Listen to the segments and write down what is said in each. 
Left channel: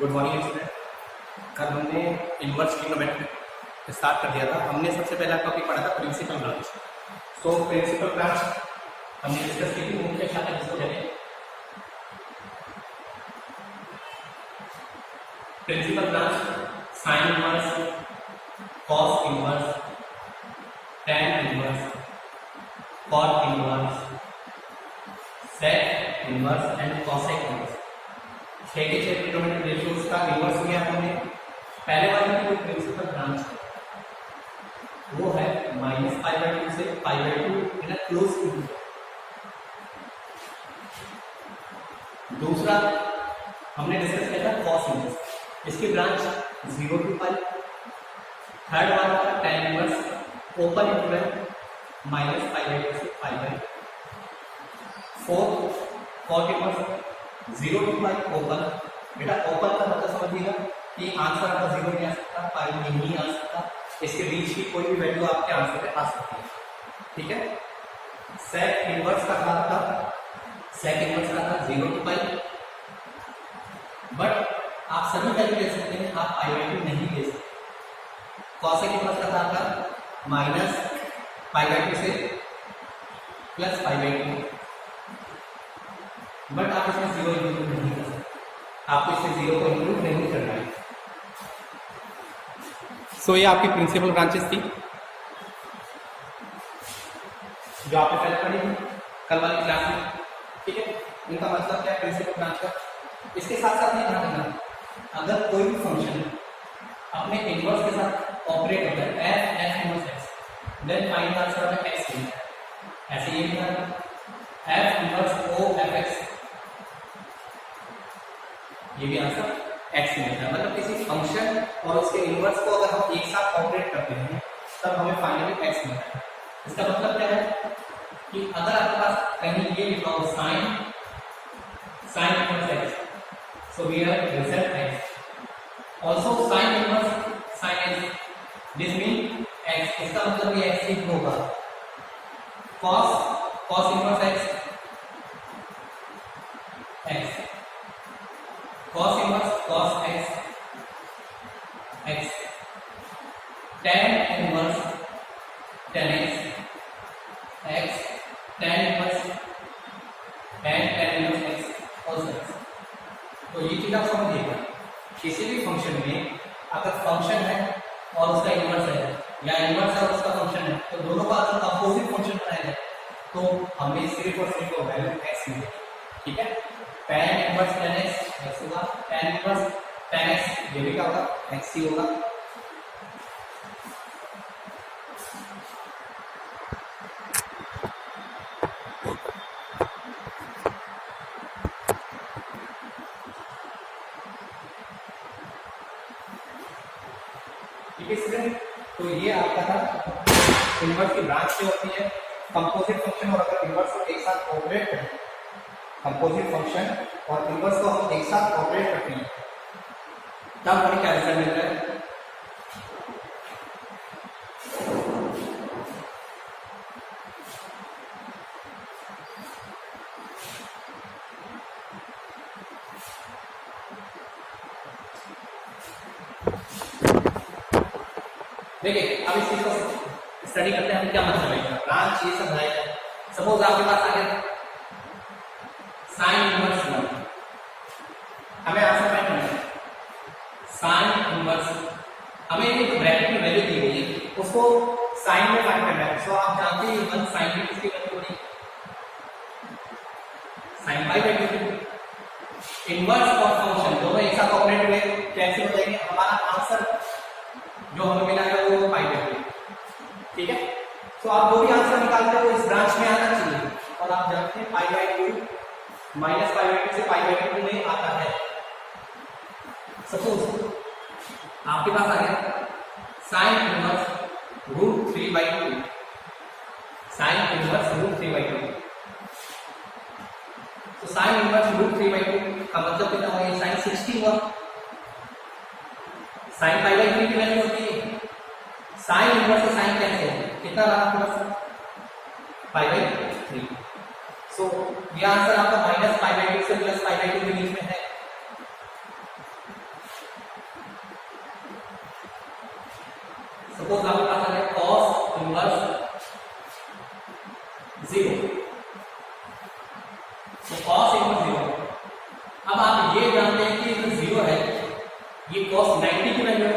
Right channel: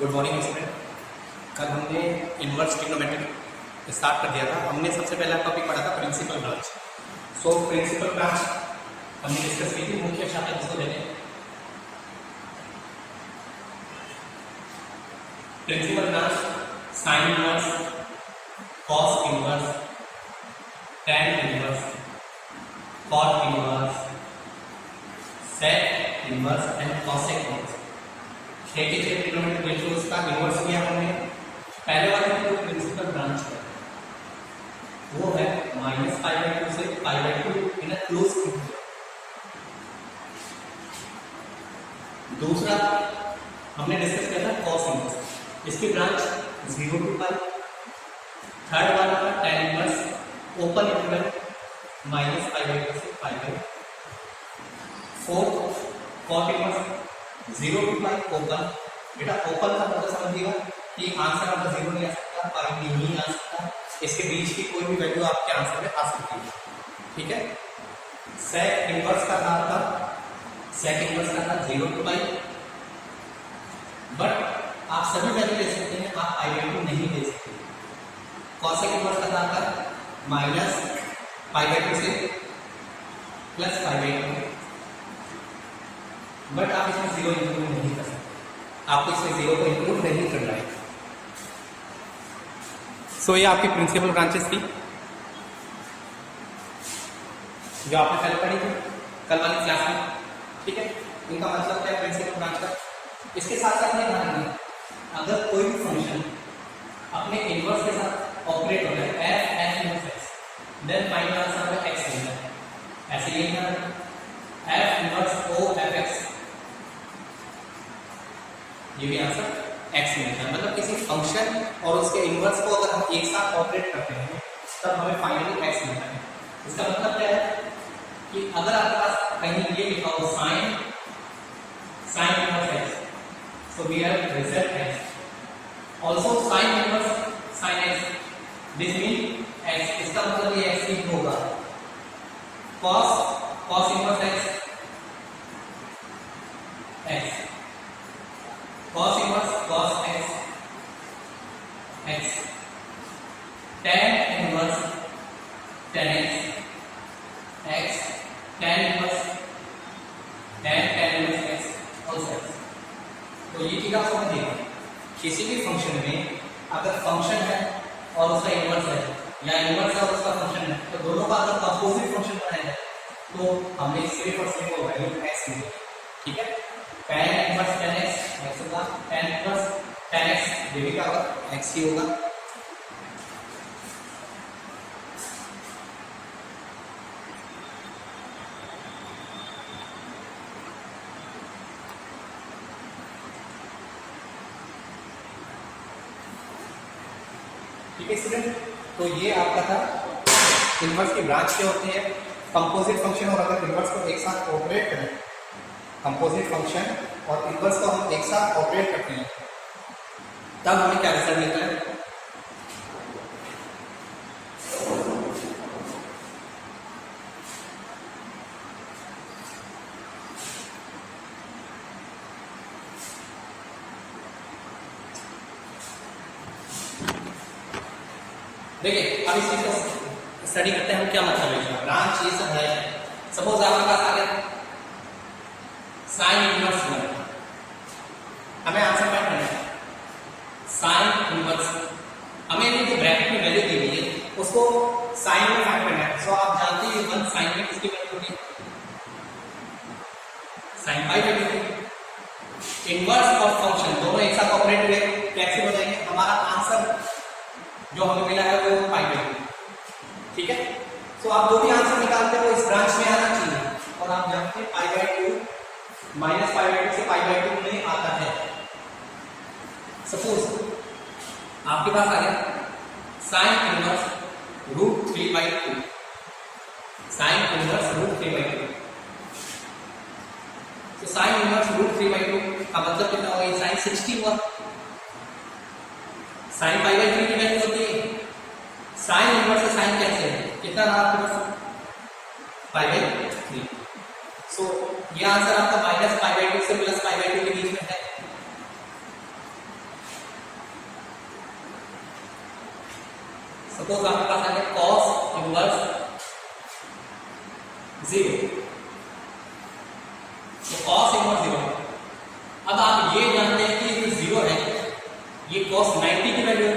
Good morning student. कल हमने inverse trigonometry start कर दिया था। हमने सबसे पहला टॉपिक पढ़ा था principal branch. So principal branch हमने डिस्कस की थी, मुख्य शाखा जिसको कहते हैं। Principal branch sine inverse, cos inverse, tan inverse, cot inverse, sec inverse and cosec inverse. 86 trigonometric ratios का इनवर्स किया हमने। पहले वाले की जो प्रिंसिपल ब्रांच है वो है -π/2 से π/2 इन अ क्लोज इंटीजर। दूसरा हमने डिस्कस किया था कॉस इनवर्स, इसकी ब्रांच 0 to π। थर्ड वाला था tan इनवर्स ओपन इंटरवल -π/2 से π/2। Fourth cot inverse 0 to π open. बेटा ओपन का मतलब समझिएगा कि आंसर आपका 0 नहीं आ सकता, पाई नहीं आ सकता, इसके बीच की कोई भी वैल्यू आपके आंसर में आ सकती है। ठीक है। सेक इनवर्स का था 0 to π, बट आप सभी वैल्यू ले सकते हैं, आप π/2 नहीं ले सकते। कॉसेक इनवर्स का था -π/2 से +π/2, बट आप इसमें 0 इंक्लूड नहीं कर सकते, आपको इसमें 0 को इंक्लूड नहीं करना है। सो ये आपकी प्रिंसिपल ब्रांचेस थी जो आपने कल पढ़ी थी कल वाली क्लास में। ठीक है, इनका मतलब क्या है प्रिंसिपल ब्रांच का। इसके साथ साथ में ध्यान रखना, अगर कोई भी फंक्शन अपने इनवर्स के साथ ऑपरेट होता है f inverse x, then find answer of x लेना है। ऐसे ये ध्यान रखना f इनवर्स o f(x), ये भी आंसर x मिलता है। मतलब किसी फंक्शन और उसके इनवर्स को अगर हम एक साथ ऑपरेट करते हैं तब हमें फाइनली x मिलता है। इसका मतलब क्या है कि अगर आपके पास कहीं ये लिखा हो sine inverse x, so we have result x। Also sine inverse sine x, this mean x, इसका मतलब ये x ही होगा। cos inverse x cos inverse cos x tan inverse tan x tan inverse x also x। तो ये चीज आप समझिएगा, किसी भी फंक्शन में अगर फंक्शन है और उसका इनवर्स है या इनवर्स है और उसका फंक्शन है, तो दोनों का अगर अपोजिट फंक्शन बनाया जाए तो हमें सिर्फ और सिर्फ वैल्यू x मिलेगी। ठीक है, tan इनवर्स tan x होगा, tan इनवर्स tan x ये भी क्या होगा, x ही होगा। ठीक है स्टूडेंट, तो ये आपका था इनवर्स की ब्रांच क्या होती है, कंपोजिट फंक्शन। और अगर इनवर्स को एक साथ ऑपरेट करें, कंपोजिट फंक्शन और इनवर्स को हम एक साथ ऑपरेट करते हैं तब हमें क्या रिजल्ट मिलता है। देखिए अब इस चीज को स्टडी करते हैं हम, क्या मतलब है ब्रांच, ये सब है। सपोज आपके पास आ गया साइन इनवर्स 1, हमें आंसर फाइंड करना है। साइन इनवर्स हमें ये जो ब्रैकेट में वैल्यू दी हुई है उसको साइन में फाइंड करना है। सो आप जानते हैं 1 साइन में किसकी वैल्यू होगी, साइन π/2। इनवर्स और फंक्शन दोनों एक साथ ऑपरेट हुए कैसे हो जाएंगे, हमारा आंसर जो हमें मिला है वो π/2। ठीक है, सो आप जो भी आंसर निकालते हो इस ब्रांच में आना चाहिए। और आप जानते हैं π/2 -π/2 से π/2 में आता है। सपोज आपके पास आ गया साइन इनवर्स √3/2, साइन इनवर्स √3/2। तो साइन इनवर्स √3/2 का मतलब कितना होगा, साइन 60 हुआ। साइन π/3 की वैल्यू होती है, साइन इनवर्स से साइन कैंसिल, कितना रहा आपके पास π/3। सो ये आंसर आपका -π/2 से +π/2 के बीच में है। सपोज आपके पास आ गया cos इनवर्स 0, तो cos इनवर्स 0। अब आप ये जानते हैं कि जो 0 है ये cos 90 की वैल्यू है,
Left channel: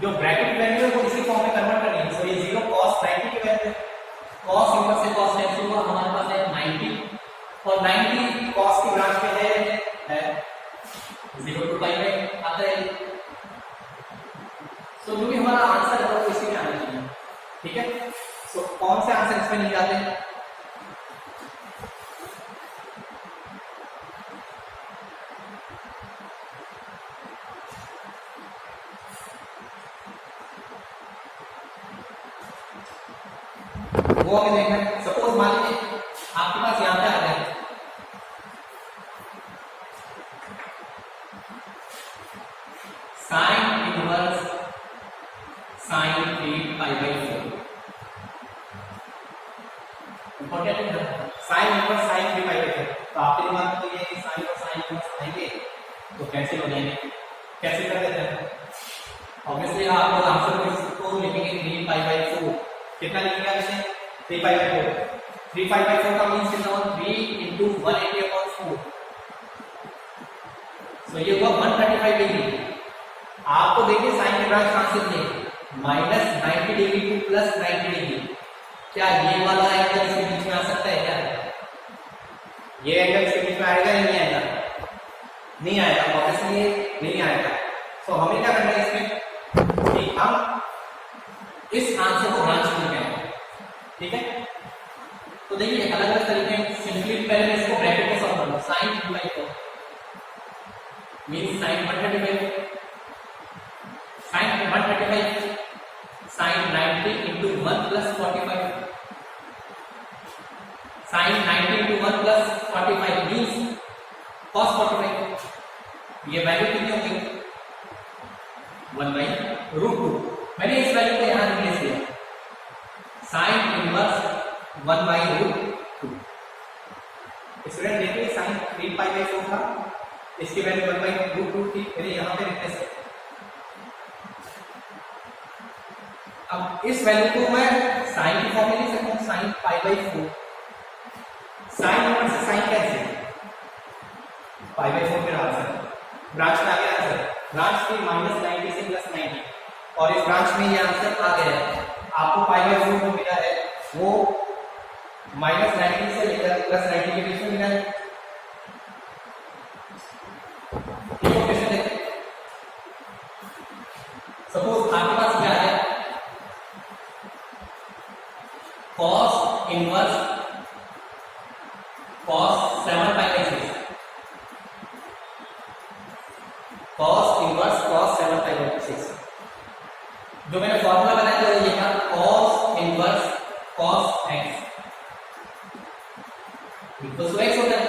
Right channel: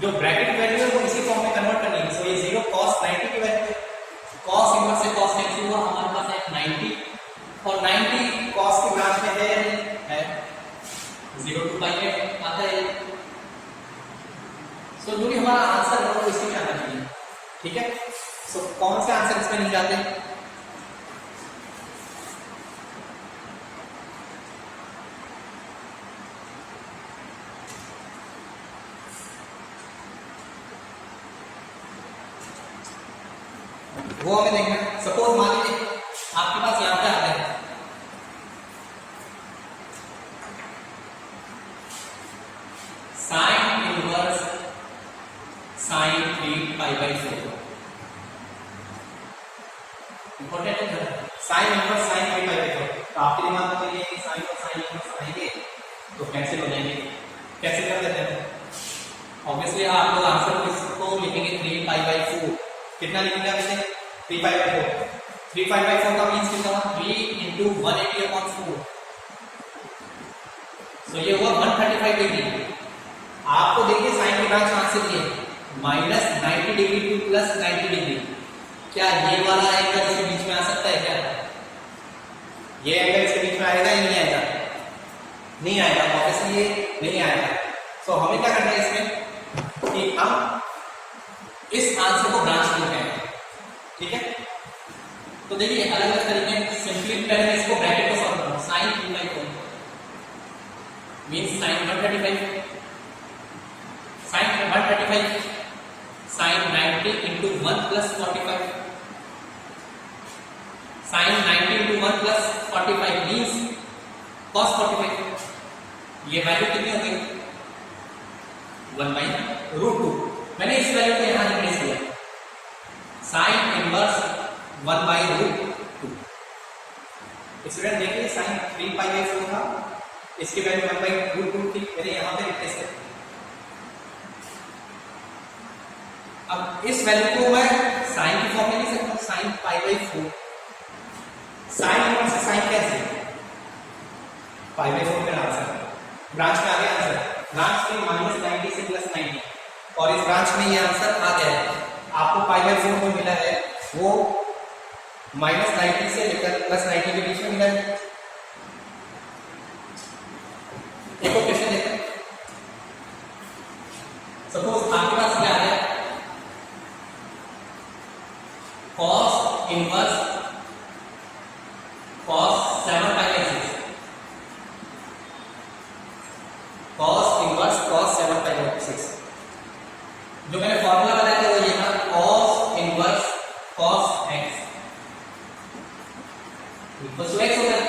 जो ब्रैकेट वैल्यू है वो इसी फॉर्म में कन्वर्ट करनी है। सो ये 0 cos 90 की वैल्यू है, cos इनवर्स से cos कैंसिल हुआ, हमारे पास है 90 और 90 cos की ब्रांच में है 0 to पाई में आता है। सो जो भी हमारा आंसर है वो इसी में आना चाहिए, ठीक है। सो कौन से आंसर इसमें नहीं जाते? वो हमें देखना है। सपोज मान लीजिए आपके पास यहां पे आ गया sine inverse sine 3 pi by 4। Important है sine inverse sine 3 pi by 4। तो आपके दिमाग में तो ये है कि साइन और साइन इनवर्स आएंगे तो कैंसिल हो जाएंगे, कैंसिल कर देते हैं। ऑब्वियसली आप लोग आंसर को लिखेंगे 3 पाई बाई 4। कितना लिखेंगे आप इसे? 3 पाई बाई 4। 3 पाई बाई 4 का मींस कितना हुआ? 3 into 180/4। सो ये हुआ 135 डिग्री। आपको देखिए साइन की ब्रांच कहां से ली है? -90 डिग्री टू +90 डिग्री। क्या ये वाला एंगल इसके बीच में आ सकता है क्या? ये एंगल इसके बीच में आएगा या नहीं आएगा? नहीं आएगा, ऑब्वियसली ये नहीं आएगा। सो हमें क्या करना है इसमें कि हम इस आंसर को ब्रांच करते हैं, ठीक है। तो देखिए अलग अलग तरीके हैं। सिंपली पहले मैं इसको ब्रैकेट को सॉल्व करूंगा। sin 2/4 means sin 135 sin 135 sin 90 into 1 plus 45 sin 90 into 1 plus 45 means cos 45। ये वैल्यू कितनी हो गई? 1/√2। मैंने इस वैल्यू को यहां रिप्लेस किया sin इनवर्स 1/√2। स्टूडेंट देखिए sin 3 पाई बाई 4 था, इसकी वैल्यू 1/√2 थी, मैंने यहां पे रिप्लेस किया। अब इस वैल्यू को मैं sin की फॉर्म में लिख सकता हूं sin pi by 4। sin inverse से sin कैसे? पाई बाई 4 में आंसर ब्रांच में आ गया। आंसर ब्रांच थी -90 से +90 और इस ब्रांच में ये आंसर आ गया है। आपको पाई बाई 4 जो मिला है वो -90 से लेकर +90 के बीच में मिला है। एक और क्वेश्चन देखते हैं। सपोज आपके पास क्या है? cos inverse cos 7 pi by 6। cos inverse cos 7 pi by 6। जो मैंने फॉर्मूला बनाया था वो ये था cos inverse cos x equal to x होता है।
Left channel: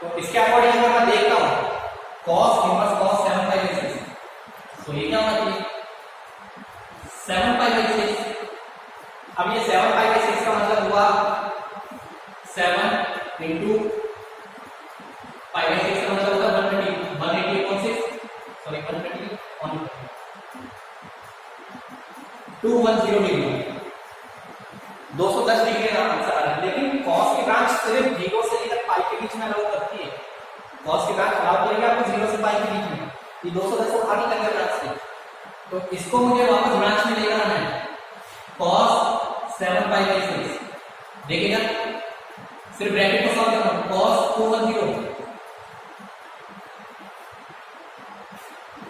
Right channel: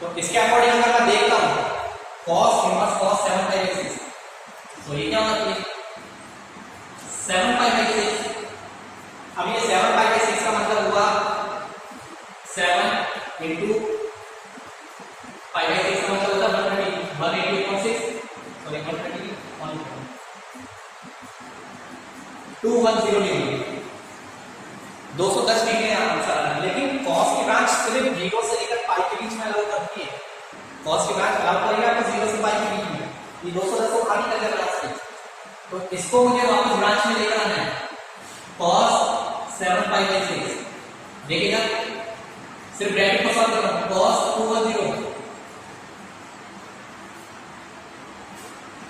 तो इसके अकॉर्डिंग अगर मैं देखता हूं cos inverse cos 7 pi by 6, तो ये क्या होना चाहिए? 7 पाई बाई 6। अब ये 7 पाई बाई 6 का मतलब हुआ 7 into पाई बाई 6 का मतलब होता है 180/6 sorry 130 on 210 degree 210 degree answer आ रहा है। लेकिन cos की ब्रांच सिर्फ 0 से लेकर पाई के बीच में अलाउ करती है। cos की ब्रांच अलाउ करेगी आपको 0 से पाई के बीच में। ये 210 को आगे तक ब्रांच थी, तो इसको मुझे वापस ब्रांच में लेकर आना है। cos 7 पाई बाई 6 देखिएगा, सिर्फ ब्रैकेट को सॉल्व करना। cos 210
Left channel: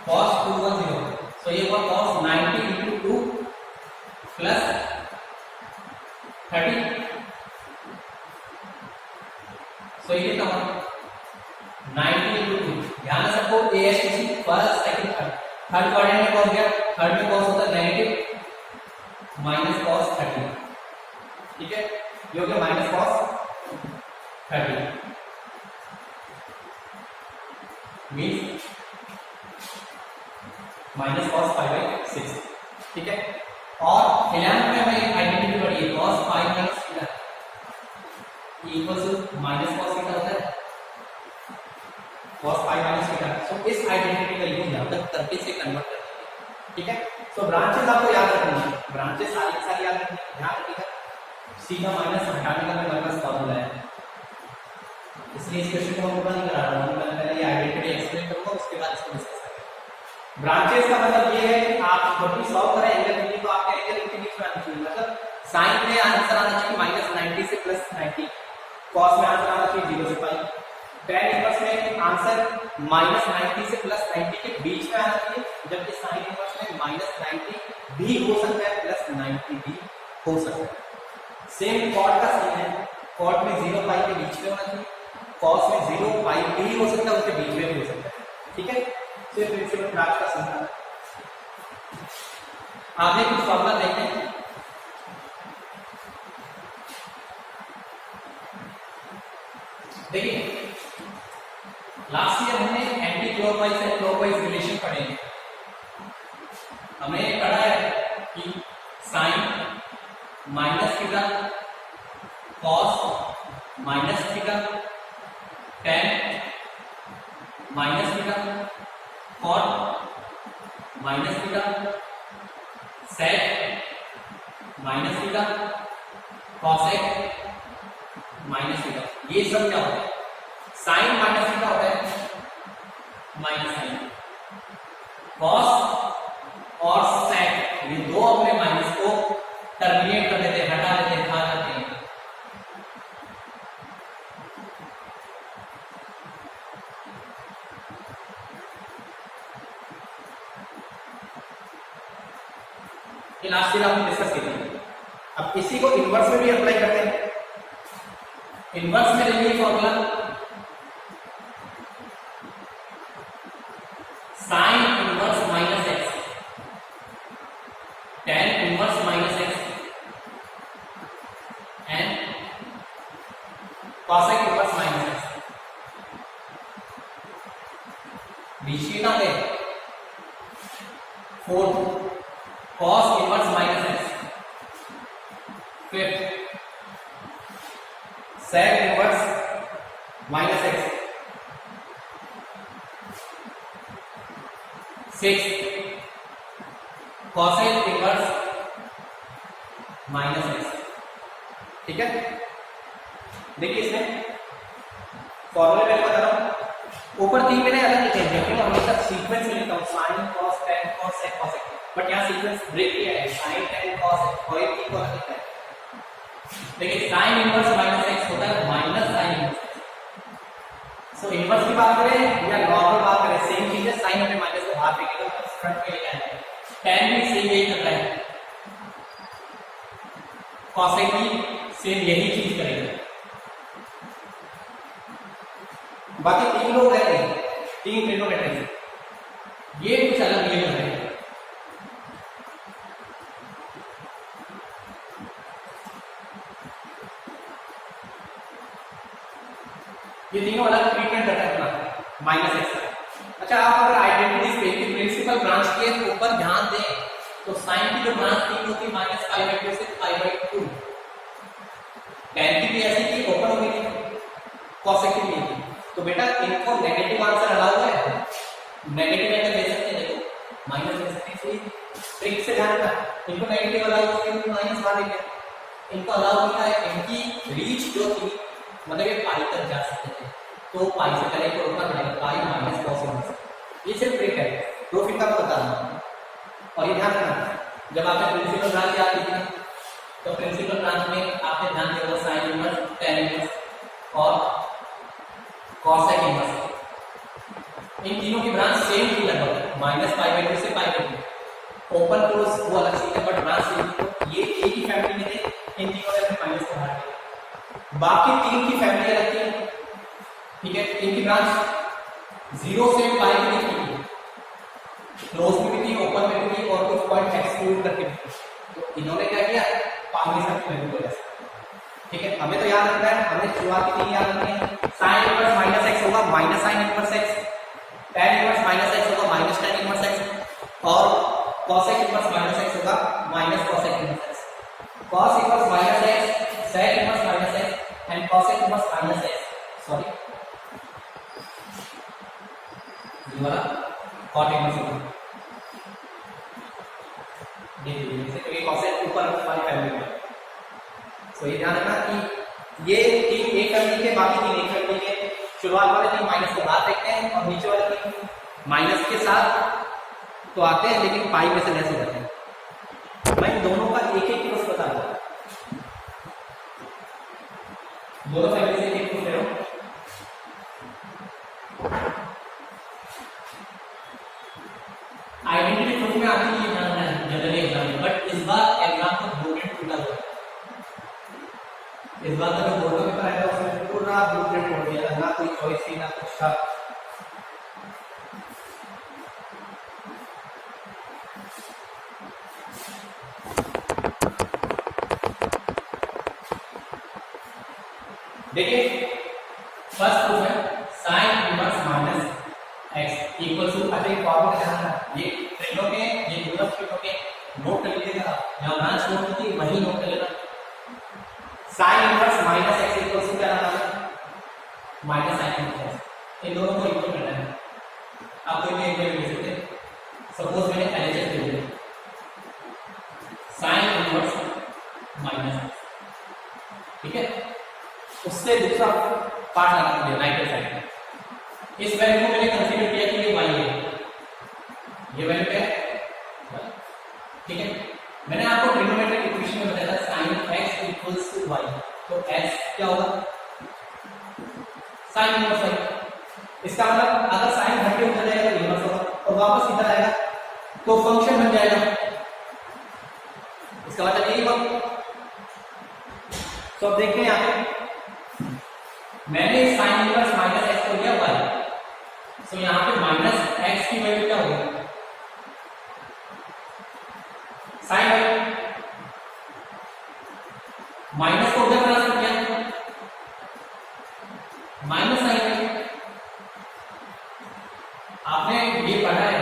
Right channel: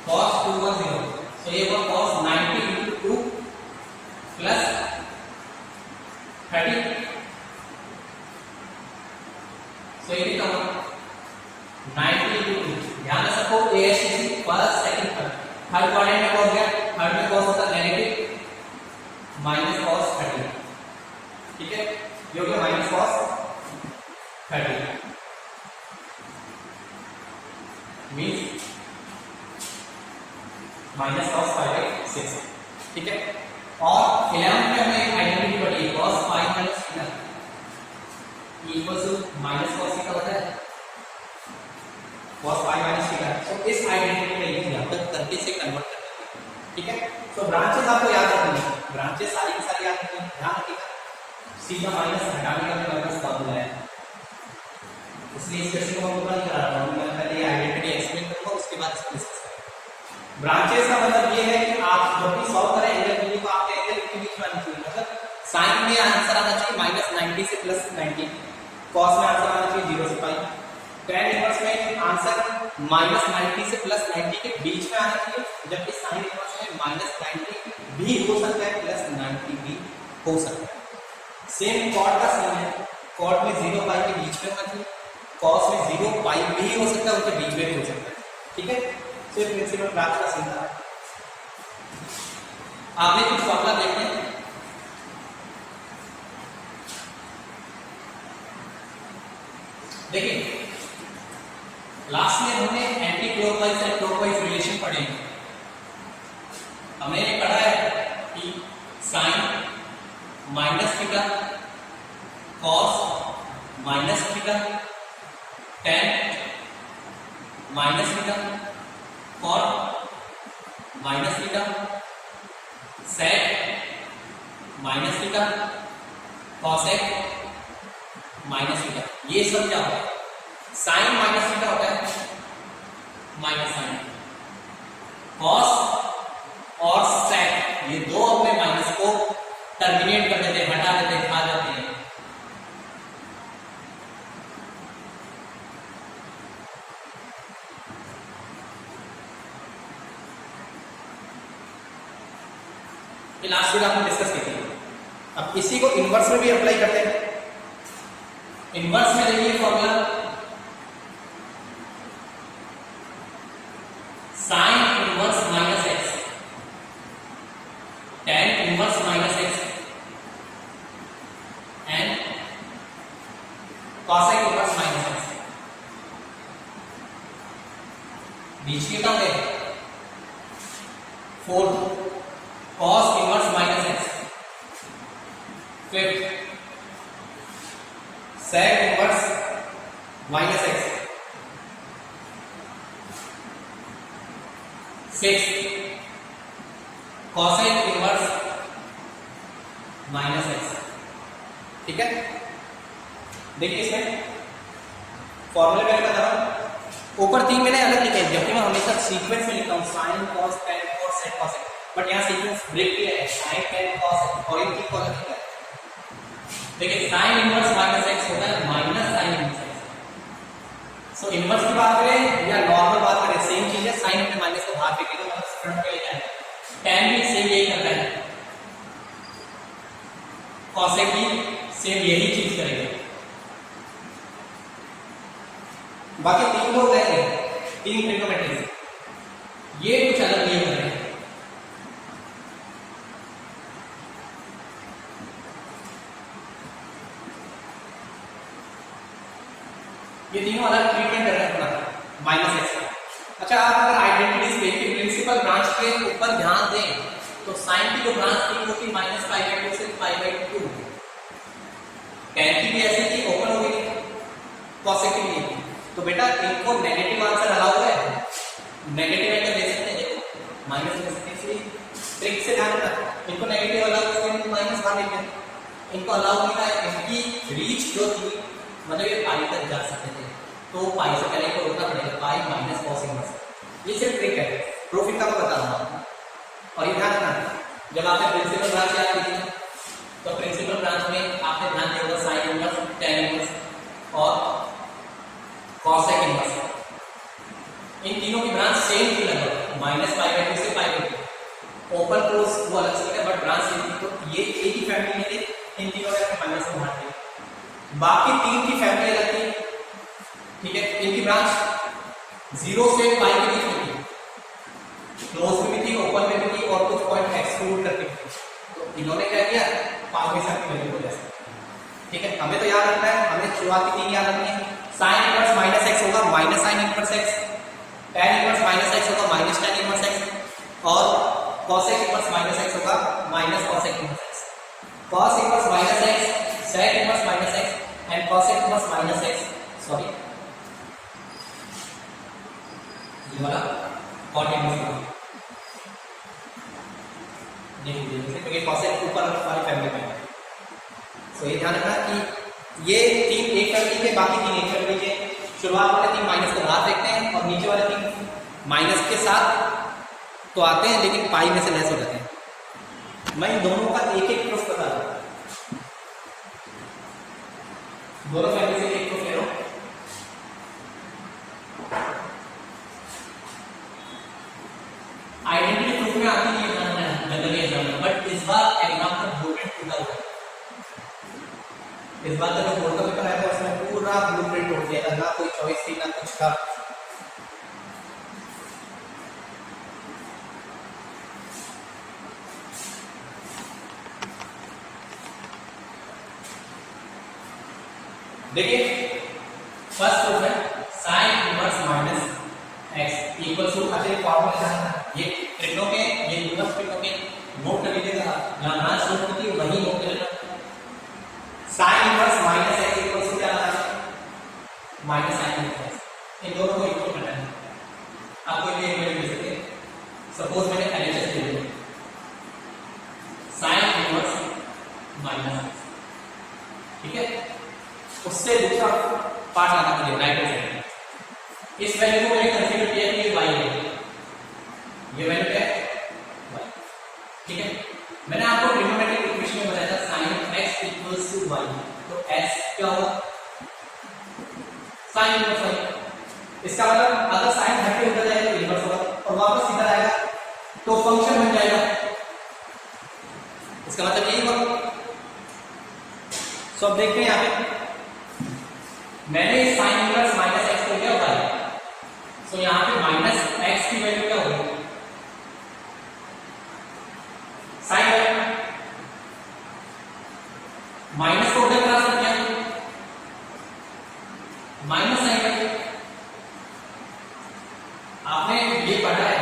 cos 210 तो ये हुआ cos 90 into 2 plus 30। सो ये कितना हुआ 90 into 2। ध्यान से सबको ASTC first second third quadrant में cos गया, थर्ड में cos होता है नेगेटिव माइनस cos 30। ठीक है, ये हो गया minus cos 30 means minus cos 5/6। ठीक है, और 11th में हमें आइडेंटिटी पढ़ी है cos 5 minus theta equal to minus cos theta होता है cos 5 minus थीटा। सो इस आइडेंटिटी का यूज यहां तक करके से कन्वर्ट कर देंगे। ठीक है। तो ब्रांचेस आपको याद रखनी है, ब्रांचेस सारी की सारी याद रखनी है, ध्यान रखिएगा। सी का माइनस हटाने का भी मेरे पास फॉर्मूला है, इसलिए इस क्वेश्चन को मैं पूरा नहीं करा रहा हूँ, मैं पहले ये आइडेंटिटी एक्सप्लेन करूंगा, उसके बाद इसको डिस्कस करेंगे। ब्रांचेस का मतलब ये है कि आप जब भी सॉल्व करें एंगल बी तो आपके एंगल के बीच में आना चाहिए, मतलब साइन में आंसर आना चाहिए -90 से +90, कॉस में आंसर आना चाहिए 0 से पाई, tan इनवर्स में आंसर -90 से +90 के बीच में आना चाहिए, जबकि साइन इनवर्स में -90 भी हो सकता है +90 भी हो सकता है। सेम कॉट का सेम है, कॉट में 0 पाई के बीच में होना चाहिए, कॉस में 0 पाई भी हो सकता है, उसके बीच में भी हो सकता है, ठीक है। तो ये प्रिंसिपल ब्रांच का सिंपल है। आपने कुछ फॉर्मूला देखते हैं, देखिए लास्ट ईयर हमने anti clockwise and clockwise relation पढ़े हैं। हमने ये पढ़ा है कि sine minus theta, cos minus theta, tan minus theta, cot minus theta, sec minus theta, cosec minus theta, ये सब क्या होता है? साइन माइनस थीटा होता है माइनस साइन, कॉस और सेक ये दो अपने माइनस को टर्मिनेट कर देते हैं, हटा देते हैं, खा जाते हैं। ये लास्ट वीक आपने डिस्कस की थी। अब इसी को इनवर्स में भी अप्लाई करते हैं। इनवर्स में देखिए formula sine inverse minus x, tan inverse minus x and cosec inverse minus x. बीच में क्या है? Fourth cos inverse minus x, fifth sec inverse minus x, six cosec inverse minus x, ठीक है। देखिए इसमें फॉर्मूला मैं बता रहा हूं, ऊपर तीन मैंने अलग लिखे हैं, देखिए मैं हमेशा सीक्वेंस में लिखता हूं sine cos tan cos sec cosec, but यहां सीक्वेंस ब्रेक किया है, साइन टेन कॉस और एक को अलग लिखा है। देखिए साइन इनवर्स माइनस एक्स होता है माइनस साइन इनवर्स एक्स। सो इनवर्स की बात करें या नॉर्मल बात करें सेम चीज है, साइन अपने माइनस को बाहर फेंकेगा, मतलब फ्रंट पे लेके आएगा। टेन भी सेम यही करता है, कॉसेक भी सेम यही चीज करेगा। बाकी तीन लोग हैं, तीन ट्रिग्नोमेट्री, ये कुछ अलग नियम कर रहे हैं। ये तीनों अलग ट्रीटमेंट कर रहे हैं अपना माइनस एक्स। अच्छा आप अगर आइडेंटिटीज पे कि प्रिंसिपल ब्रांच के ऊपर ध्यान दें तो साइन की जो ब्रांच थी वो थी -π/2 से π/2, टेन की भी ऐसी थी ओपन हो गई, कॉसेक की भी। तो बेटा इनको नेगेटिव आंसर अलाउ है, नेगेटिव एंगल ले सकते हैं, देखो माइनस ले सकते हैं, इसलिए ट्रिक से ध्यान रखना, इनको नेगेटिव अलाउ करके माइनस बाहर लेंगे, इनको अलाउ किया है, इनकी रीच जो थी मतलब ये पाई तक जा सकते थे, तो पाई से पहले को रोकना पड़ेगा, पाई माइनस कॉस इनवर्स। ये सिर्फ ट्रिक है, प्रूफ इनका मैं बता रहा हूँ। और ये ध्यान रखना, जब आपने प्रिंसिपल ब्रांच याद की थी ना, तो प्रिंसिपल ब्रांच में आपने ध्यान दिया होगा साइन इनवर्स, टेन इनवर्स और कॉसेक इनवर्स। इन तीनों की ब्रांच सेम थी लगभग, -π/2 से π/2, ओपन क्लोज वो अलग से, बट ब्रांच सेम थी। तो ये एक ही फैमिली में थे, इन तीनों ने अपने माइनस को हटा दिया। बाकी तीन की फैमिली अलग थी, ठीक है। इनकी ब्रांच 0 से पाई के बीच में थी, क्लोज में भी थी, ओपन में भी थी और कुछ पॉइंट एक्सक्लूड करके भी थी। तो इन्होंने क्या किया, पावर सब की वैल्यू को ले सकते, ठीक है। हमें तो याद रखना है, हमें शुरुआत की तीन याद रखनी है। साइन इनवर्स माइनस एक्स होगा minus sine inverse x, tan inverse minus x होगा माइनस टेन इनवर्स एक्स और कॉसेक इनवर्स माइनस एक्स होगा minus cosec inverse x. Cos inverse minus x, sec inverse minus x and cosec inverse minus x, sorry ये वाला cot inverse. देखिए क्योंकि कॉसेट ऊपर वाली family में। सो ये ध्यान रखना कि ये तीन एक फैमिली के, बाकी तीन एक फैमिली के। शुरुआत वाले तीन माइनस के बाद देखते हैं और नीचे वाले तीन माइनस के साथ तो आते हैं, लेकिन पाई में से लेस हो जाते हैं। मैं दोनों का एक एक प्रूफ बता दूंगा, दोनों फैमिली से एक प्रूफ ले रहा हूं। आइडेंटिटी प्रूफ में आती है जनरली एग्जाम में, बट इस बार एग्जाम का ब्लूप्रिंट टूटा हुआ है। इस बार का जो बोर्ड का पेपर आया था उसमें पूरा ब्लूप्रिंट तोड़ दिया था, ना कोई चॉइस थी ना कुछ था। देखिए फर्स्ट प्रूफ है sine inverse minus x equal to, अच्छा ये फॉर्मूला जाना था, ये ट्रिग्नो के, ये यूलर ट्रिग्नो के नोट कर लीजिएगा, जहां ब्रांच नोट होती है वही नोट कर लेना। Sine inverse minus x equal to क्या आता है, माइनस साइन इनवर्स एक्स। इन दोनों को इक्वल करना है। आप कोई भी एक वैल्यू ले सकते हैं, सपोज मैंने एलएचएस ले लिया, साइन इनवर्स माइनस एक्स, ठीक है। उससे दूसरा पार्ट लाना मुझे राइट हैंड साइड में। इस वैल्यू को मैंने कंसीडर किया कि ये y है, ये वैल्यू क्या है y, ठीक है। मैंने आपको ट्रिग्नोमेट्रिक इक्वेशन में बताया था sin x equals to y, तो x क्या होगा, sin इनवर्स y। इसका मतलब अगर sin घट के उधर जाएगा तो इनवर्स होगा और वापस इधर आएगा तो फंक्शन बन जाएगा। इसका मतलब यही होगा। सो अब देखते हैं यहाँ पे मैंने sin इनवर्स माइनस एक्स को लिया हुआ है, सो यहाँ पे माइनस एक्स की वैल्यू क्या होगी, साइन माइनस को उधर ट्रांसफर किया, माइनस साइन वैल्यू। आपने ये पढ़ा है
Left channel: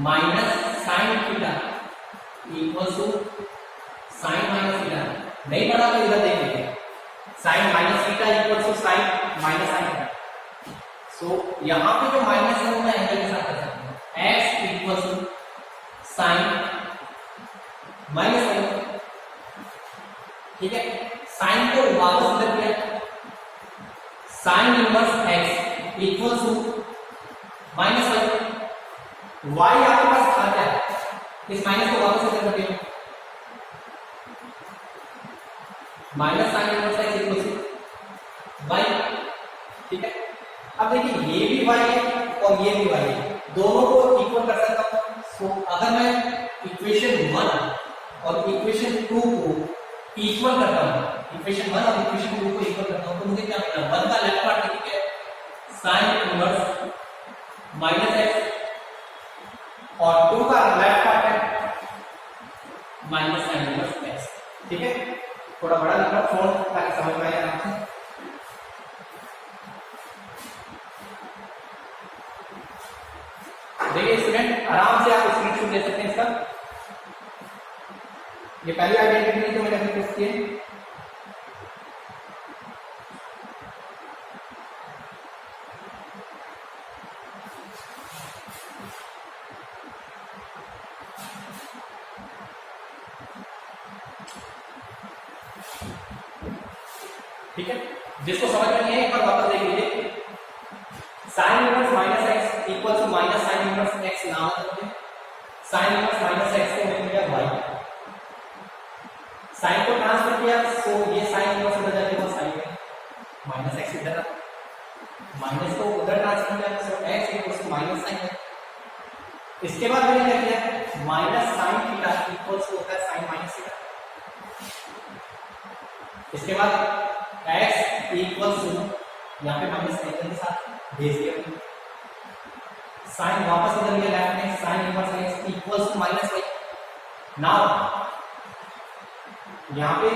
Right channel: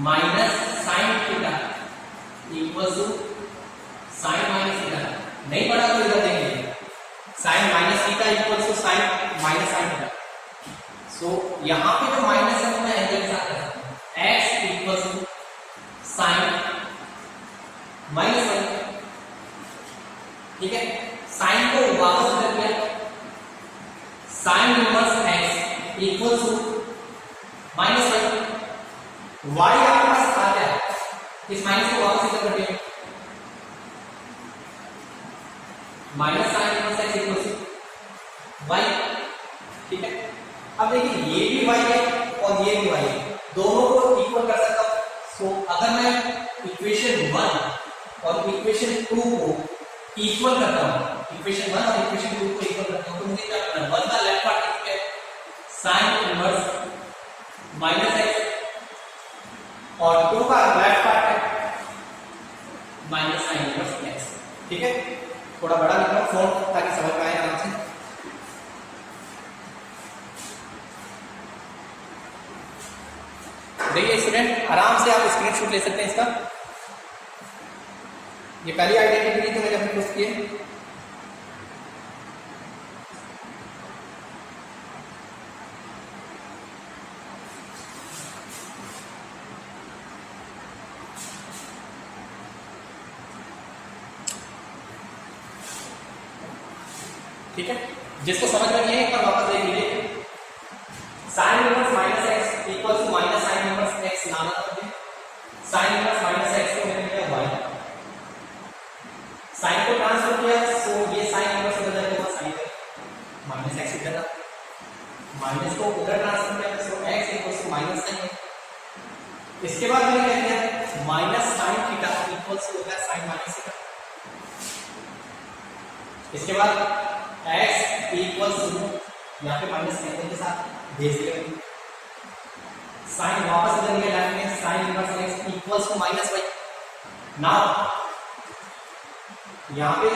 minus sine theta equal to sine minus theta, नहीं पढ़ा तो इधर देख लीजिए, sine minus theta equal to sine minus sine theta. So यहां पे जो माइनस है वो मैं एंगल के साथ कर सकता हूं, x equal to sine minus sine, ठीक है। साइन को वापस इधर किया, sine inverse x equal to minus sine, y आपके पास था क्या, इस माइनस को वापस इधर कर दिया, minus sine inverse x equal to y, ठीक है। अब देखिए ये भी y है और ये भी y है, दोनों को इक्वल कर सकता हूं। सो अगर मैं इक्वेशन 1 और इक्वेशन 2 को इक्वल करता हूं, इक्वेशन 1 और इक्वेशन 2 को इक्वल करता हूं, तो मुझे क्या करना है, 1 का लेफ्ट पार्ट देखिए साइन इनवर्स माइनस एक्स और 2 का लेफ्ट पार्ट है माइनस साइन इनवर्स एक्स, ठीक है। थोड़ा बड़ा लिख रहा हूं फॉन्ट ताकि समझ में आए आराम से। देखिए स्टूडेंट आराम से आप स्क्रीनशॉट ले सकते हैं इसका। ये पहली आइडेंटिटी जो मैंने अभी पोस्ट की है, ठीक है। जिसको समझ में नहीं है एक बार वापस देख लीजिए, sine inverse minus x equal to minus sine inverse x नाम है, साइन इनवर्स माइनस एक्स को मैंने लिया y, साइन को ट्रांसफर किया, सो ये साइन इनवर्स उधर जाएगा साइन माइनस एक्स इधर रहा, माइनस को उधर ट्रांसफर किया, so x equal to minus sine है। इसके बाद मैंने क्या किया, minus sine theta equal to होता है साइन माइनस थीटा। इसके बाद x इक्वल टू यहाँ पे माइनस एंगल के साथ भेज दिया, साइन वापस इधर लिया लेफ्ट में, sine inverse x equals to minus y। Now यहाँ पे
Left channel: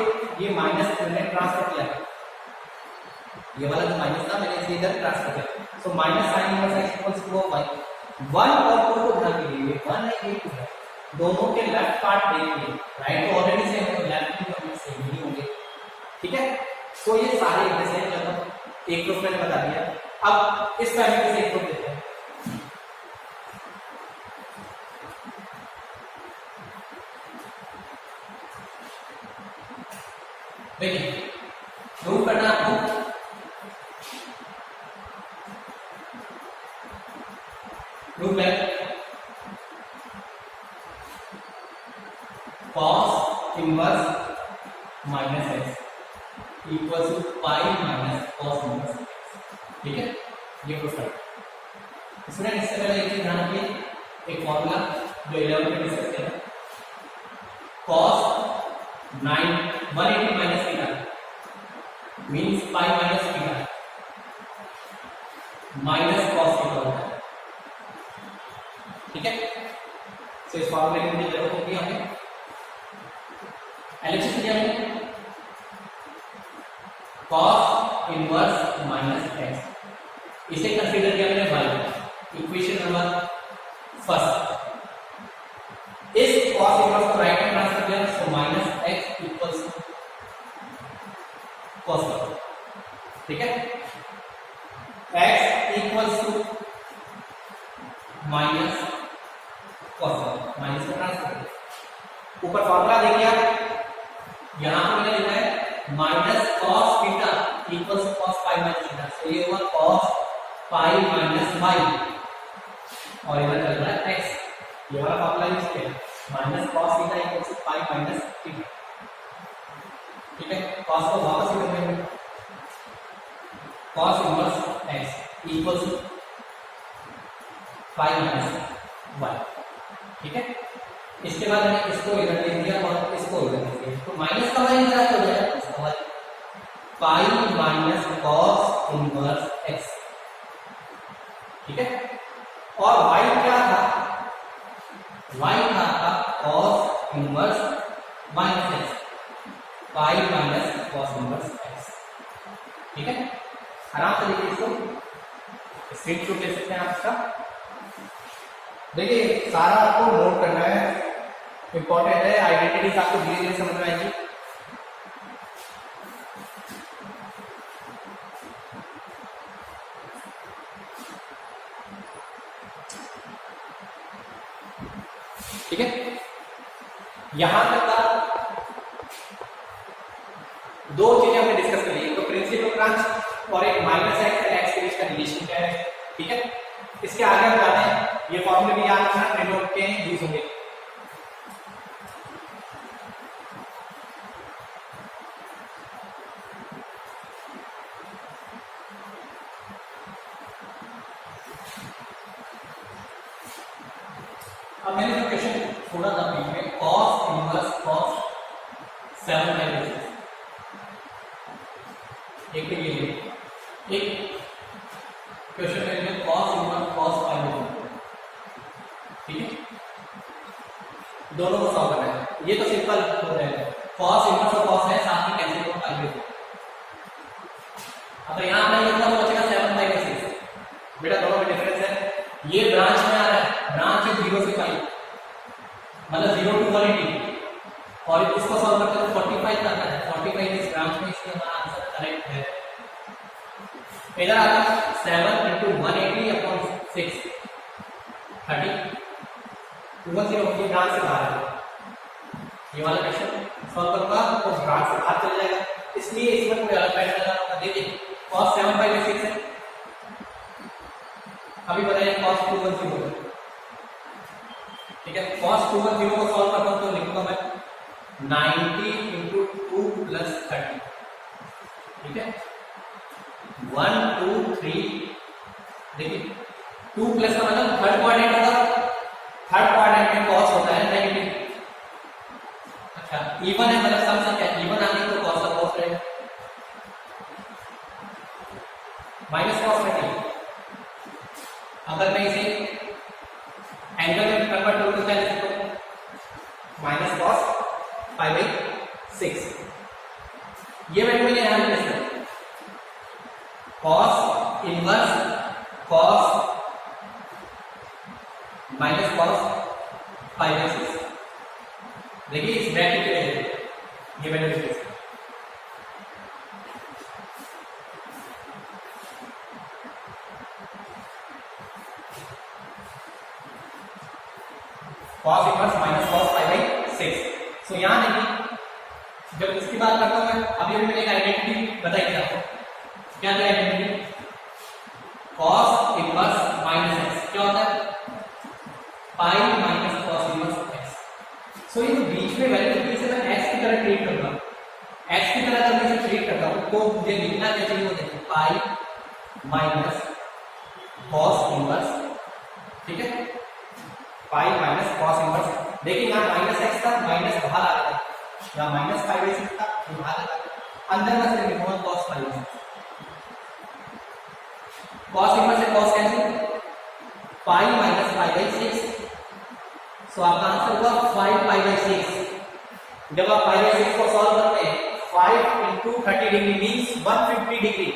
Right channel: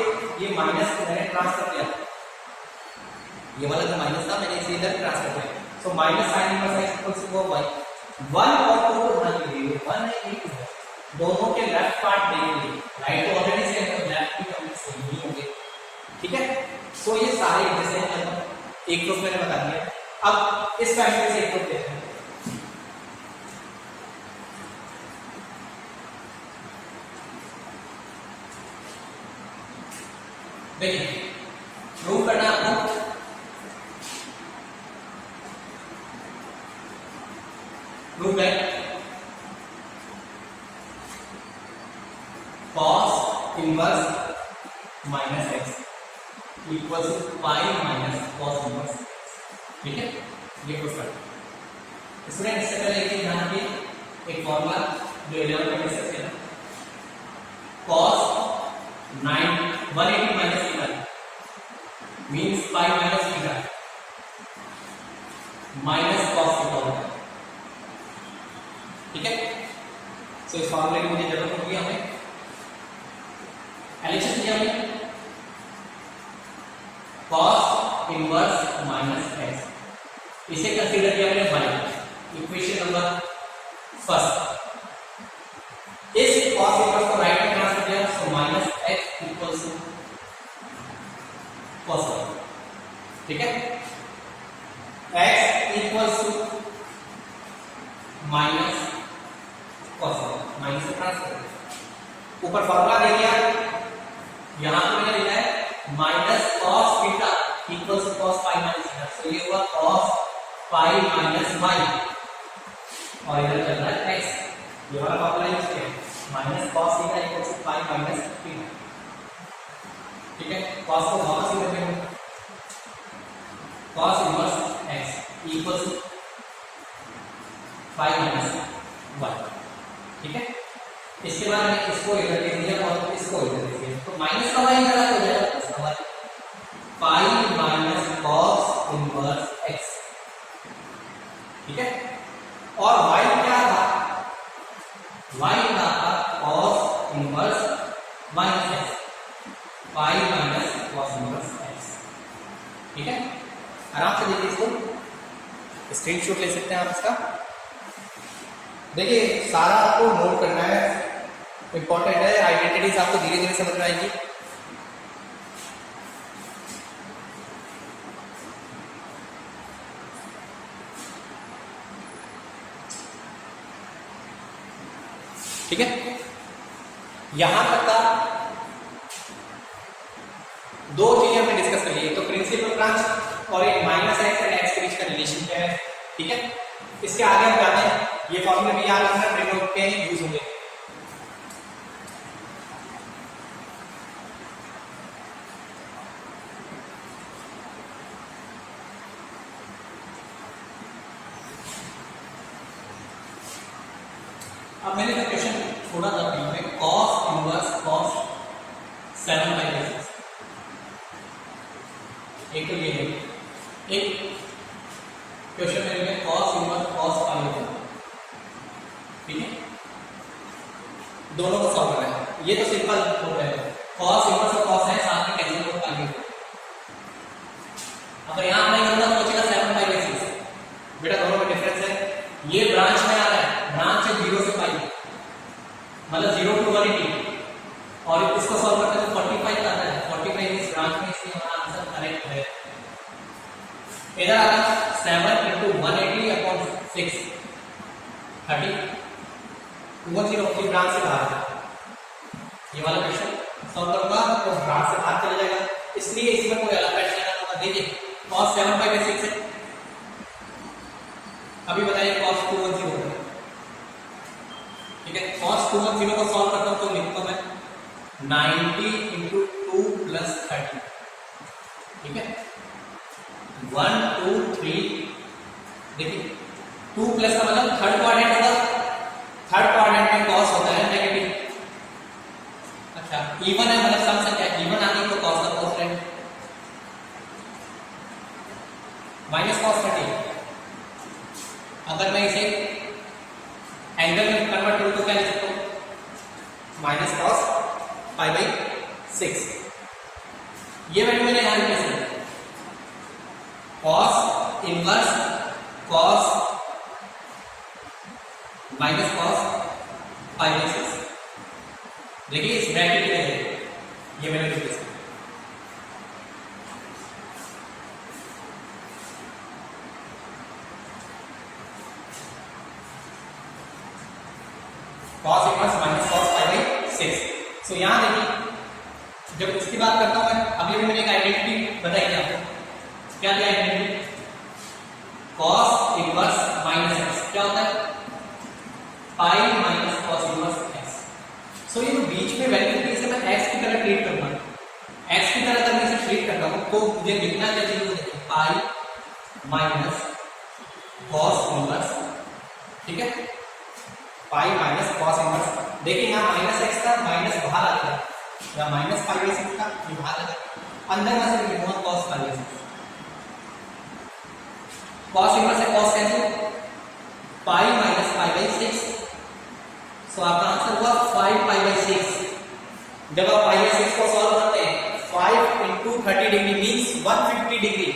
ये माइनस मैंने ट्रांसफर किया, ये वाला जो माइनस था मैंने इसे इधर ट्रांसफर किया, so minus sine inverse x equals to y। 1 और 2 को ध्यान दीजिए, 1 है 2 है, दोनों के लेफ्ट पार्ट देंगे, राइट तो ऑलरेडी सेम है, लेफ्ट भी कभी सेम ही होंगे, ठीक है। सो ये सारे जैसे हैं, चलो एक ग्रुप मैंने बता दिया। अब इस फैमिली से एक ग्रुप लेते हैं, देखिए प्रूव करना है आपको, prove that cos inverse minus x equal to pi minus cos inverse, ठीक है, ये प्रूव करना। स्टूडेंट इससे पहले एक चीज ध्यान रखिए, एक फॉर्मूला जो 11 में डिस्कस किया था, cos 180 माइनस थीटा मींस पाई minus theta minus cos theta होता है, ठीक है। तो इस फॉर्मूले की मुझे जरूरत होगी, हमें एलएचएस लिया मैंने cos इनवर्स माइनस एक्स, इसे कंसीडर किया मैंने y, इक्वेशन नंबर फर्स्ट। इस cos इनवर्स को राइट में ट्रांसफर किया तो minus x equals to cos, ठीक है, x equals to minus cos, minus को ट्रांसफर किया, ऊपर फॉर्मूला दे दिया, यहां पर मैंने लिखा है minus cos theta equals to cos pi minus theta, तो ये हुआ cos पाई माइनस y और इधर चल रहा है x, ये वाला फॉर्मूला यूज किया minus cos theta equals to pi minus theta, ठीक है। cos को वापस इधर करेंगे, cos inverse x equals to pi minus y, ठीक है। इसके बाद में इसको इधर लिख दिया और इसको इधर लिख दिया, तो माइनस का y इधर हो जाएगा प्लस का y, पाई माइनस cos इनवर्स x, ठीक है। और y क्या था, y था cos इनवर्स माइनस x, पाई माइनस cos इनवर्स x, ठीक है। आराम से देखिए, इसको स्क्रीनशॉट ले सकते हैं आप इसका। देखिए सारा आपको नोट करना है, इंपॉर्टेंट है, आइडेंटिटीज आपको धीरे धीरे समझ में आएगी। ठीक है, यहां तक का दो चीजें हमने डिस्कस कर ली, तो प्रिंसिपल ब्रांच और एक माइनस एक्स एंड एक्स के बीच का रिलेशन क्या है, ठीक है। इसके आगे हम जाते हैं, ये फॉर्मूले भी याद रखना, ट्रिग्नोमेट्री के यूज होंगे। अब मैंने जो क्वेश्चन छोड़ा था में cos इनवर्स cos 7/6, एक तो ये है, एक क्वेश्चन मेरे में cos इनवर्स cos पाई, ठीक है, दोनों को सॉल्व करना है। ये तो सिंपल हो जाएगा, cos इनवर्स और cos है साथ में कैंसिल करो पाई को, अब यहां हमने कितना बचेगा 7/6, बेटा दोनों में डिफरेंस है, ये ब्रांच में आ रहा है, ब्रांच है 0 से पाई मतलब 0 to 180, और इसको सॉल्व करते हैं तो 45 आता है, 45 इस ब्रांच में, इसलिए हमारा आंसर करेक्ट है। इधर आता 7 into 180 upon 6 30, 210 ये ब्रांच से बाहर है, ये वाला क्वेश्चन सॉल्व करूंगा तो ब्रांच से बाहर चला जाएगा, इसलिए इसमें कोई अलग पैटर्न लगाना होगा। देखिए cos 7/6 है, अभी बताइए cos 210 होगा, ठीक है। cos 210 को सॉल्व करता हूं तो लिखूंगा मैं 90 into 2 plus 30, ठीक है, 1 2 3, देखिए 2 प्लस का मतलब थर्ड क्वाड्रेंट होगा, थर्ड क्वाड्रेंट में cos होता है 90, अच्छा इवन है मतलब सम संख्या इवन आ गई तो cos का cos लेंगे, माइनस cos 30, अगर मैं इसे एंगल में कन्वर्ट करूं तो क्या लिख सकता हूं, माइनस cos π/6, ये वैल्यू मैंने यहां पे लिखा है, cos inverse cos minus cos π/6, देखिए इस ब्रैकेट के लिए ये मैंने लिखा है, cos इनवर्स माइनस cos π/6, सो यहां देखिए जब इसकी बात करता हूं मैं, अभी मैंने एक आइडेंटिटी बताई थी आपको, क्या थी identity? cos inverse minus x क्या होता है? Pi minus cos inverse x. So ये जो बीच में वैल्यू थी इसे मैं x की तरह ट्रीट करता हूं, x की तरह अगर मैं इसे ट्रीट करता हूं तो मुझे लिखना क्या चाहिए वो देखिए, पाई माइनस cos इनवर्स, ठीक है, पाई माइनस cos इनवर्स। देखिए यहाँ माइनस एक्स था, माइनस बाहर आ गया, यहाँ माइनस पाई बाई सिक्स था, ये बाहर आ गया, अंदर में से लिखूंगा cos pi by six. cos inverse से cos cancel, pi minus pi by six, so आपका आंसर हुआ 5 पाई बाई 6। जब आप पाई बाई 6 को सॉल्व करते हैं 5 into 30 degree means 150 degree,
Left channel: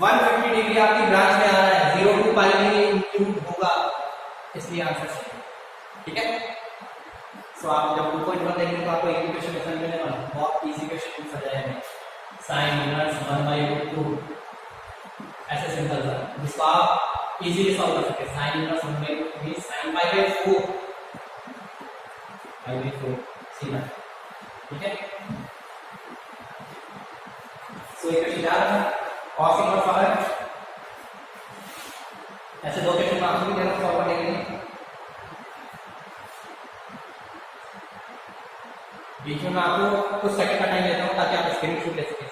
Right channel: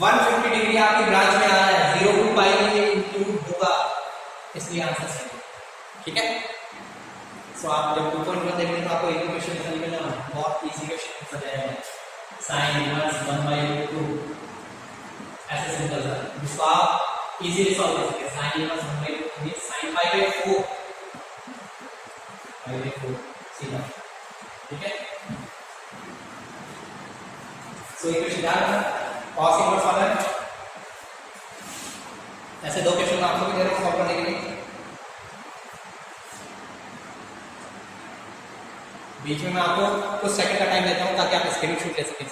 150 degree आपकी ब्रांच में आ रहा है, 0 to पाई में इंक्लूड होगा, इसलिए आंसर सही है, ठीक है। सो आप जब 2.1 देखेंगे तो आपको एक क्वेश्चन समझ में आएगा, बहुत इजी क्वेश्चन पूछा जाएगा, sin इनवर्स 1/2 ऐसे सिंपल सा, जिसको आप इजीली सॉल्व कर सकते हैं। sin inverse 1/2 means sin pi by 4, pi by 4 सीधा, ठीक है। सो एक क्वेश्चन याद रखना, cos इनवर्स वाला है, ऐसे दो क्वेश्चन आपको भी दे रहा हूं सॉल्व करने के लिए। बीच में मैं आपको कुछ सेकंड का टाइम देता हूं ताकि आप स्क्रीनशॉट ले सकें।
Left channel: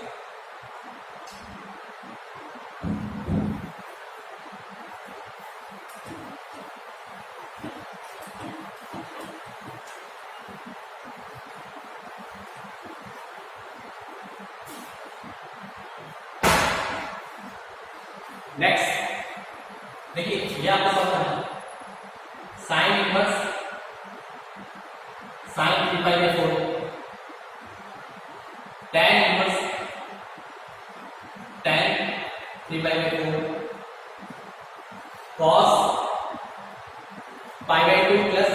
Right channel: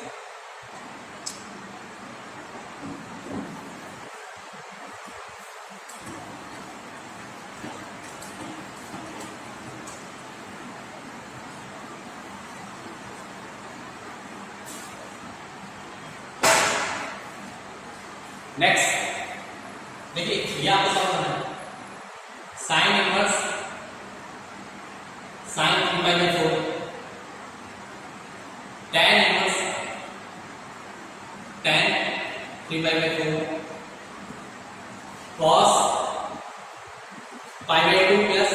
नेक्स्ट देखिए, ये आपको सॉल्व करना है, sine inverse sine 3/4, tan inverse tan 3/4, cos π/2 plus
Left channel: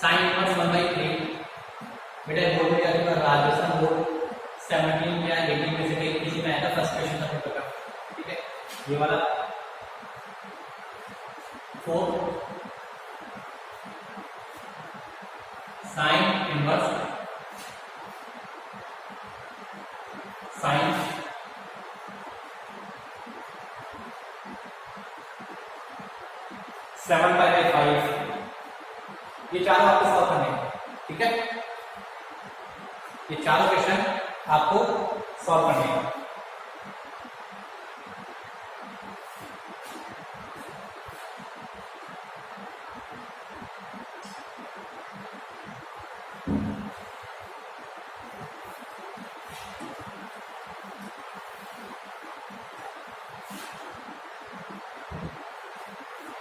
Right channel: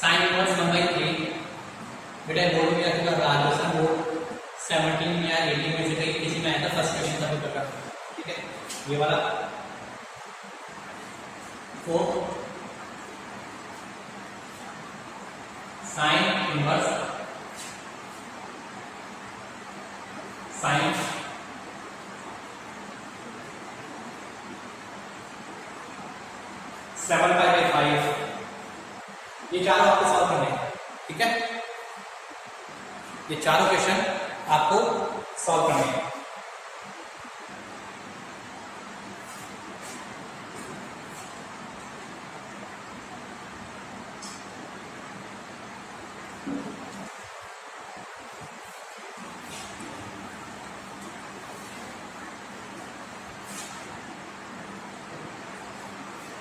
sine inverse 1/3। बेटा बोर्ड में आपका राजस्थान बोर्ड 17 या 18 में से कहीं किसी में आया था, फर्स्ट क्वेश्चन का पेपर का, ठीक है, ये वाला 4 साइन इनवर्स साइन 7π/5, ये चारों आपको सॉल्व करने हैं, ठीक है, ये चारों क्वेश्चन आपको सॉल्व करने हैं।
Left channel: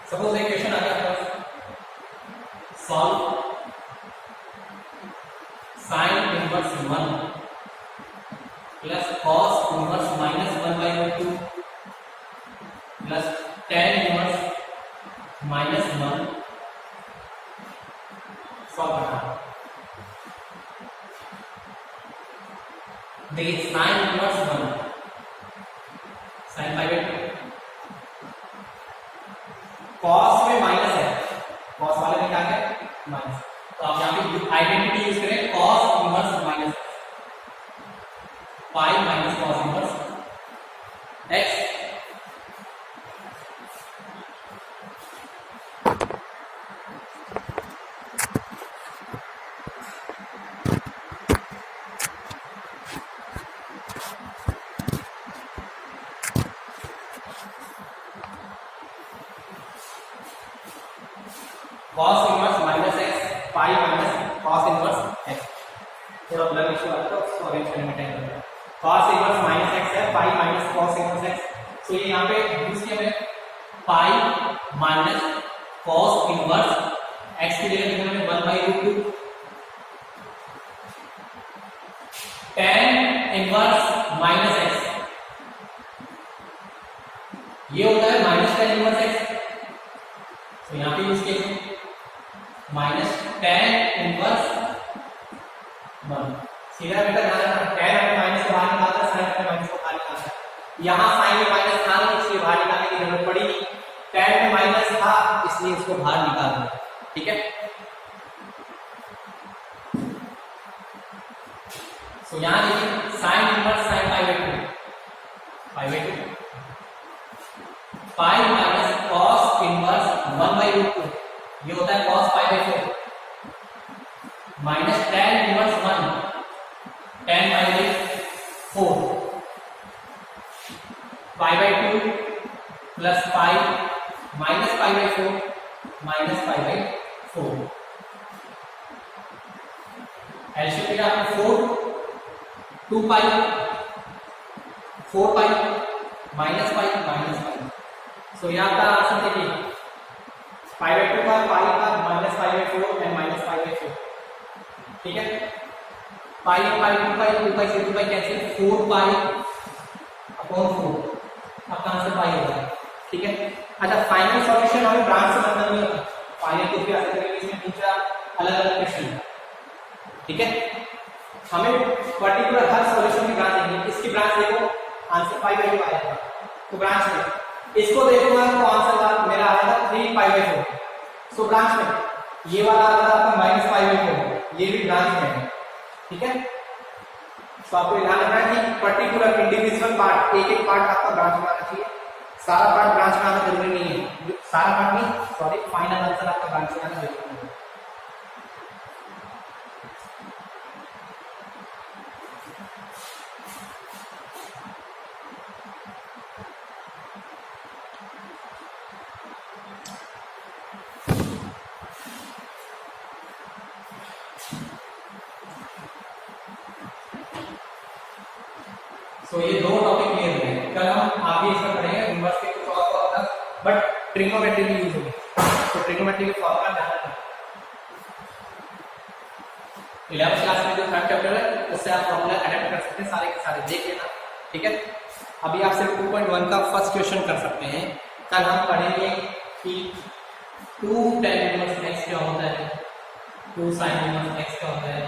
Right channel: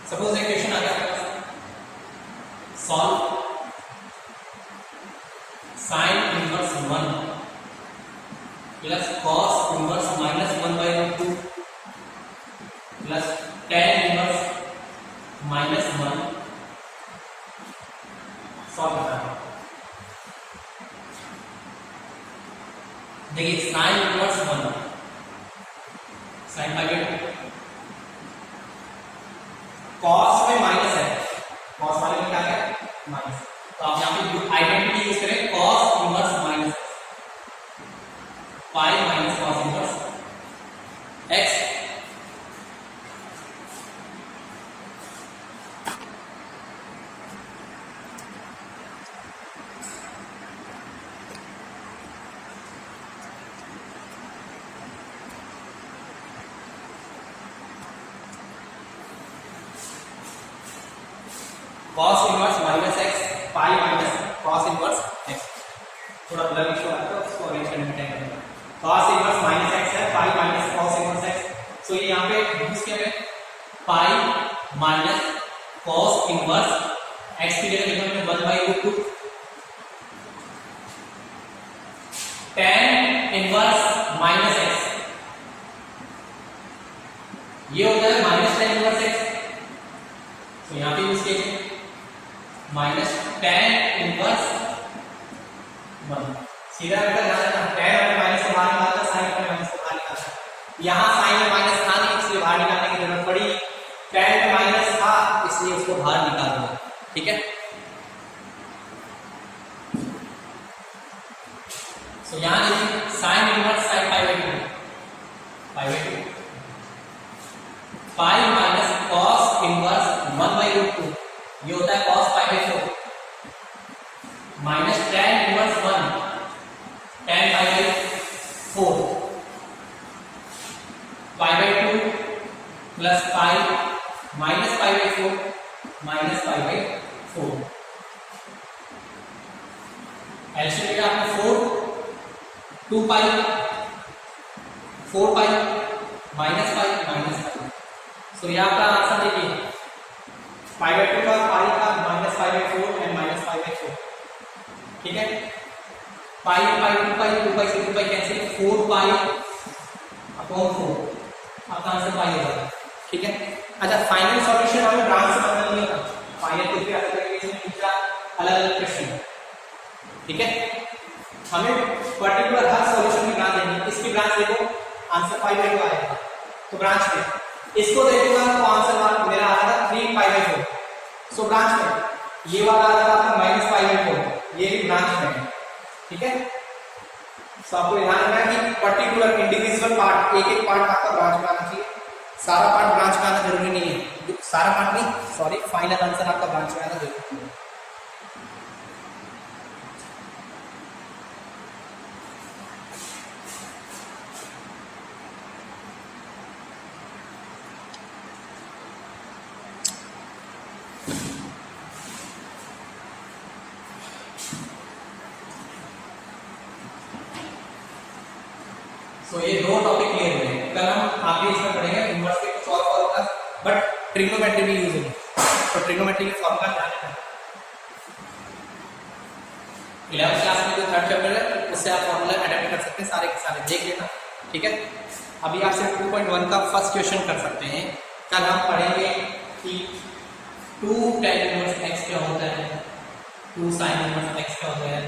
सपोज एक क्वेश्चन आ गया आपके पास, solve sine inverse 1 plus cos inverse -1/2 plus tan inverse -1 solve करना है। देखिए साइन इनवर्स 1 साइन π/2, कॉस में माइनस है, कॉस वाले में क्या है माइनस, तो आप यहाँ पे आइडेंटिटी यूज करें cos inverse minus pi minus cos inverse x. cos inverse minus x pi minus cos inverse x, थोड़ा ब्लर इशू आता है तो उसको अरेंज करने में टाइम लगेगा। cos इनवर्स माइनस एक्स है, pi minus cos inverse x, so ये यहाँ पे यूज किया है pi minus cos inverse x की जगह लिखा मैंने 1/2 tan इनवर्स माइनस एक्स, ये होता है माइनस tan इनवर्स एक्स, तो यहाँ पे यूज किया माइनस tan इनवर्स 1। सीधा बेटा ध्यान रखना, tan अपने माइनस को बाहर निकालता है, साइन अपने माइनस को बाहर निकालता है। यहाँ साइन में माइनस था नहीं इसलिए बाहर निकालने की जरूरत पड़ी, tan में माइनस था इसलिए उसको बाहर निकाल दिया, ठीक है। तो यहां देखिए sine inverse sine pi by 2 pi minus cos inverse 1 by root 2 ये होता है cos pi by 4 minus tan inverse 1 tan pi by 4 pi by 2 plus pi minus pi by 4 minus pi by 4 LCM का आपको 4 2 पाई 4 पाई minus पाई सो ये आपका answer देखिए पाई by 2 का पाई का minus pi by 4 and minus pi by 4 ठीक है पाई पाई 2 पाई 2 पाई से 2 पाई कैंसिल 4 पाई अपॉन 4 आपका आंसर पाई होगा ठीक है। अच्छा फाइनल सॉल्यूशन हमें ब्रांच से मतलब नहीं होता फाइनल कुछ भी आ सकता है इसमें दूसरा अलग अलग क्वेश्चन है ठीक है। हमें पर्टिकुलर हर सॉल्यूशन की ब्रांच देंगे इसकी ब्रांच देखो आंसर पाई बाई 2 आएगा तो ब्रांच में इसको देखूंगा तो आंसर मेरा आ रहा था 3 पाई बाई 4 सो ब्रांच में ये वाला आ रहा था आपका माइनस पाई बाई 4 ये भी ब्रांच में है ठीक है। सो आपको ध्यान रखना है कि पर्टिकुलर इंडिविजुअल पार्ट एक एक पार्ट आपका ब्रांच में आना चाहिए सारा पार्ट ब्रांच में आना जरूरी नहीं है सारा पार्ट नहीं सॉरी फाइनल आंसर आपका ब्रांच में आना जरूरी नहीं है। तो ये दो टॉपिक क्लियर हुए हैं कल हम आगे इसमें पढ़ेंगे इनवर्स के कुछ और फॉर्मूला बट ट्रिग्नोमेट्री भी यूज होगी तो ट्रिग्नोमेट्री के फॉर्मूला ध्यान रखना 11th क्लास में जो थर्ड चैप्टर है उससे आप फॉर्मूला अडेप्ट कर सकते हैं सारे के सारे देख लेना ठीक है। अभी आप सिर्फ 2.1 का फर्स्ट क्वेश्चन कर सकते हैं कल हम पढ़ेंगे कि 2 tan इनवर्स x क्या होता है 2 sin इनवर्स x क्या होता है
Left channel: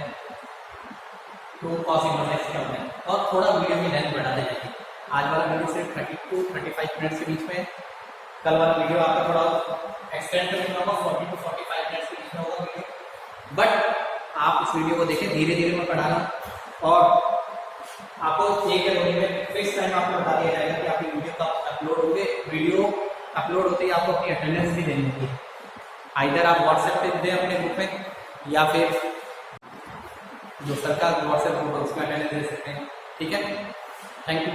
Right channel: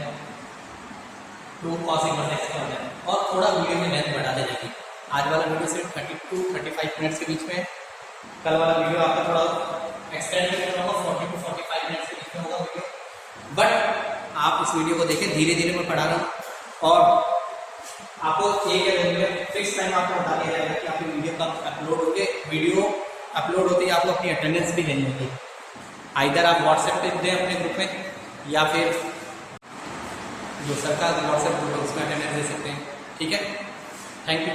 2 cos इनवर्स x क्या होता है और थोड़ा वीडियो में लेंथ बढ़ाते जाएंगे आज वाला वीडियो सिर्फ 32-35 मिनट्स के बीच में कल वाला वीडियो आपका थोड़ा एक्सटेंड करके होगा 40 to 45 मिनट्स के बीच में होगा वीडियो बट आप इस वीडियो को देखें धीरे धीरे मैं पढ़ा रहा हूँ और आपको एक या दो दिन में फिक्स टाइम आपको बता दिया जाएगा कि आपकी वीडियो कब अपलोड होगी वीडियो अपलोड होते ही आपको अपनी अटेंडेंस भी देनी होगी आइदर आप व्हाट्सएप पे दें अपने ग्रुप में या फिर जो सरकार व्हाट्सएप ग्रुप है उसमें अटेंडेंस दे सकते हैं ठीक है। Thank you.